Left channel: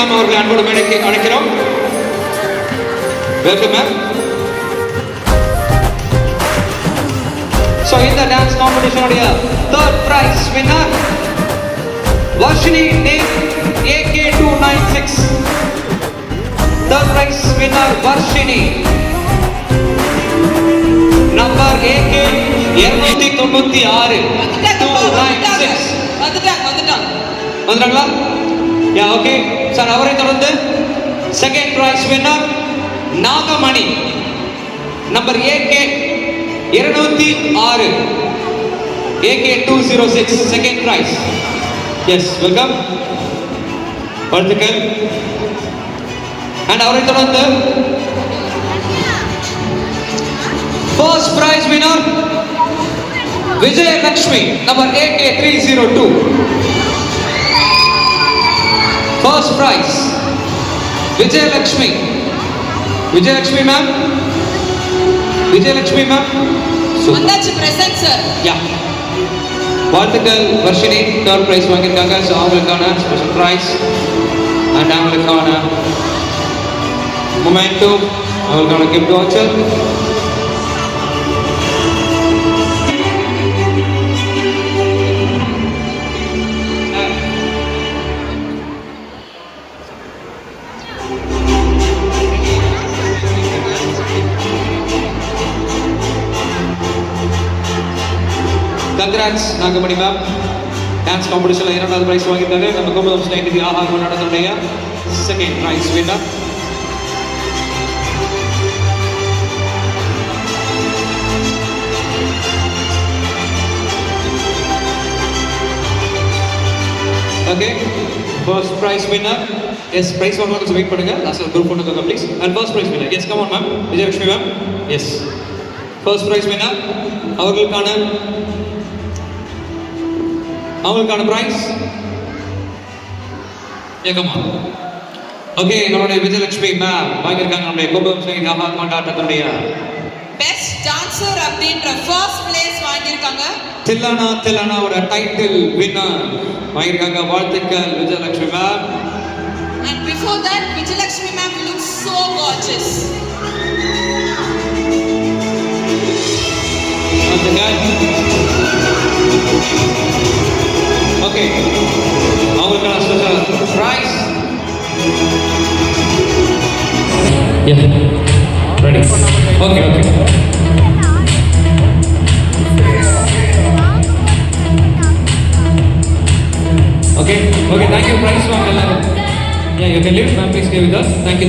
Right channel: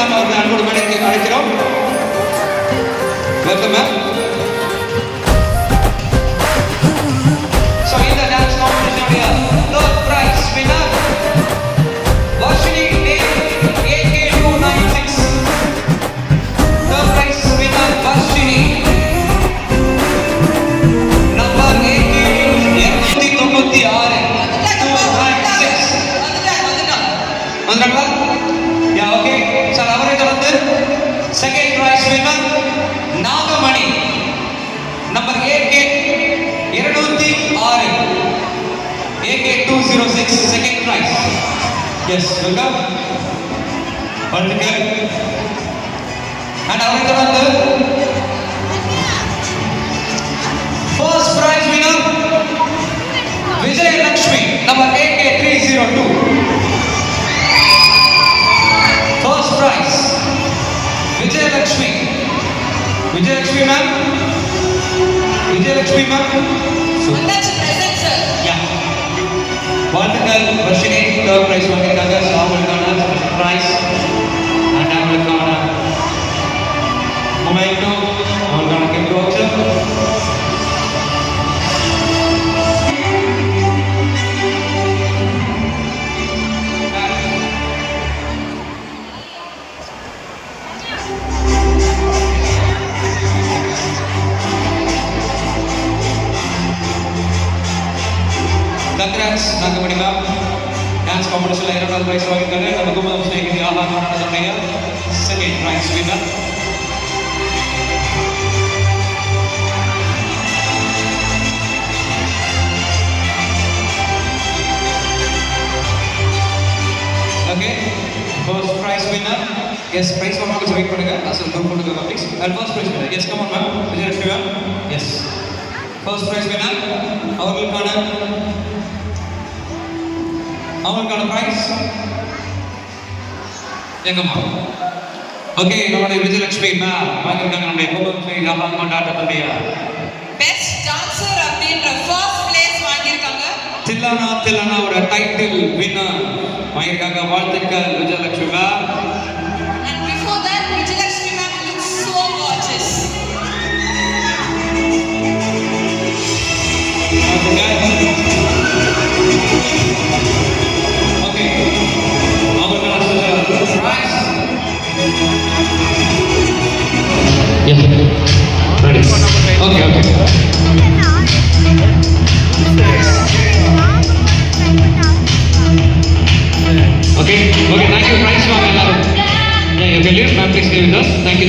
Ma'am அவர்கள் அன்போடு மேடைக்கு அழைக்கிறோம். Welcome ma'am. ஸோ இந்த டான்ஸ் காம்படிஷனுடைய third prize winner Varshini AK296. Third prize winner Varshini. Number AK296. வந்துட்டாங்களா? Yeah, okay sir. அவரை தொடர்ந்து second prize winner Nagamani. Number AK206. AK206 second prize. Yes, welcome. வாழ்த்துக்கள். அண்ட் அவரை தொடர்ந்து first prize winner Vijayalakshmi. Number AK302. First prize, Vijayalakshmi. Vijayalakshmi ma'am. Vijayalakshmi ma'am. வந்தாச்சு present sir. Yeah. வாழ்த்துக்கள் Varshini. Third prize வாங்கியிருக்காங்க. So அவங்களுக்கான special prize and அவங்களுக்கான memento, அவங்களுக்கான gift voucher. Congrats Nagamani ma'am. Dance காம்படிஷன்ல 2வது பிரைஸ் வாங்கிட்டாரு. நம்ம கும்பகம் ஸ்நேகிதி ஆஹா கொண்டாடக்கூடிய second prize winner. Okay, first prize winner. Yes, prize வாங்க கொஞ்சம் வெயிட் பண்ணுங்க. லாஸ்ட் குரூப் போட்டுக்கோங்க please. And first prize winner. Yes, come on ma'am. Vijayalakshmi ma'am. Yes, first prize winner. அவங்களுக்கான பிரைஸ் ஏகமா. ஓகே, நம்முடைய விஜயலட்சுமி மேம் வாங்கியிருக்காங்க. நம்முடைய கும்பகம் ஸ்நேகிதி ஆஹா கொண்டாட்டத்துடைய பெஸ்ட் டான்சர் அப்படின்ற ஃபர்ஸ்ட் பிளேஸ் வாங்கியிருக்காங்க. தில்லானாவோட டைட்டில் வின்னர் வாங்கியிருக்காங்க. வாழ்த்துக்கள் Vijayalakshmi ma'am. And before that, Vijayalakshmi ma'am looks so gorgeous. Okay, அவங்களுக்கான price. Yes, ready. Okay. Okay, thank you. Prize for எல்லாரும். Yeah, you can leave. Ma'am, please stay with us. Thank you.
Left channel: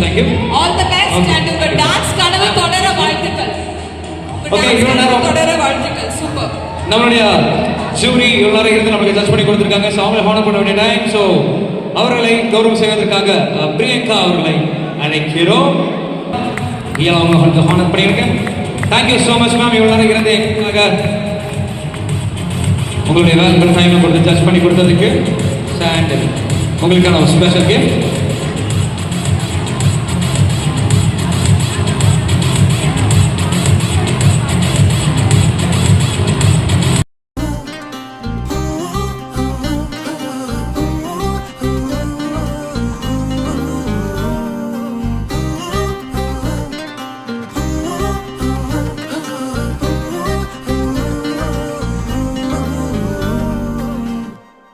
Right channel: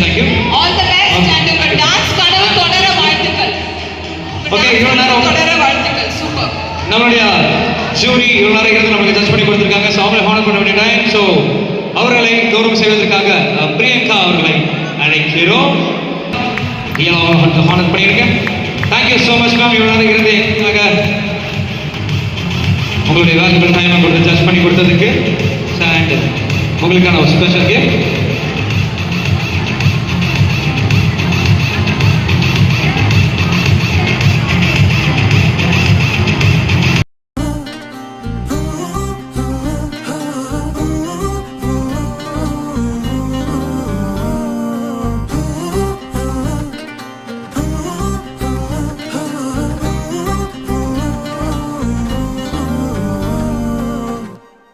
All the best and உங்க dance கனவு தொடர வாழ்த்துக்கள். Okay, இவ்வளவு நேரம் தொடர வாழ்த்துக்கள். சூப்பர். நம்மளுடைய ஜூரி இவ்வளவு நேரம் இருந்து நமக்கு ஜட்ஜ் பண்ணி கொடுத்திருக்காங்க. ஸோ அவங்களை ஹானர் பண்ண வேண்டிய டைம். ஸோ அவர்களை கௌரவம் செய்வதற்காக பிரியங்கா அவர்களை அழைக்கிறோம். அவங்களை ஹானர் பண்ணியிருக்கேன். Thank you so much ma'am. இவ்வளவு நேரம் இருந்து எங்களுக்காக உங்களுடைய வேலைகள் டைம் கொடுத்து ஜட்ஜ் பண்ணி கொடுத்ததுக்கு. அண்ட் உங்களுக்கான ஸ்பெஷல்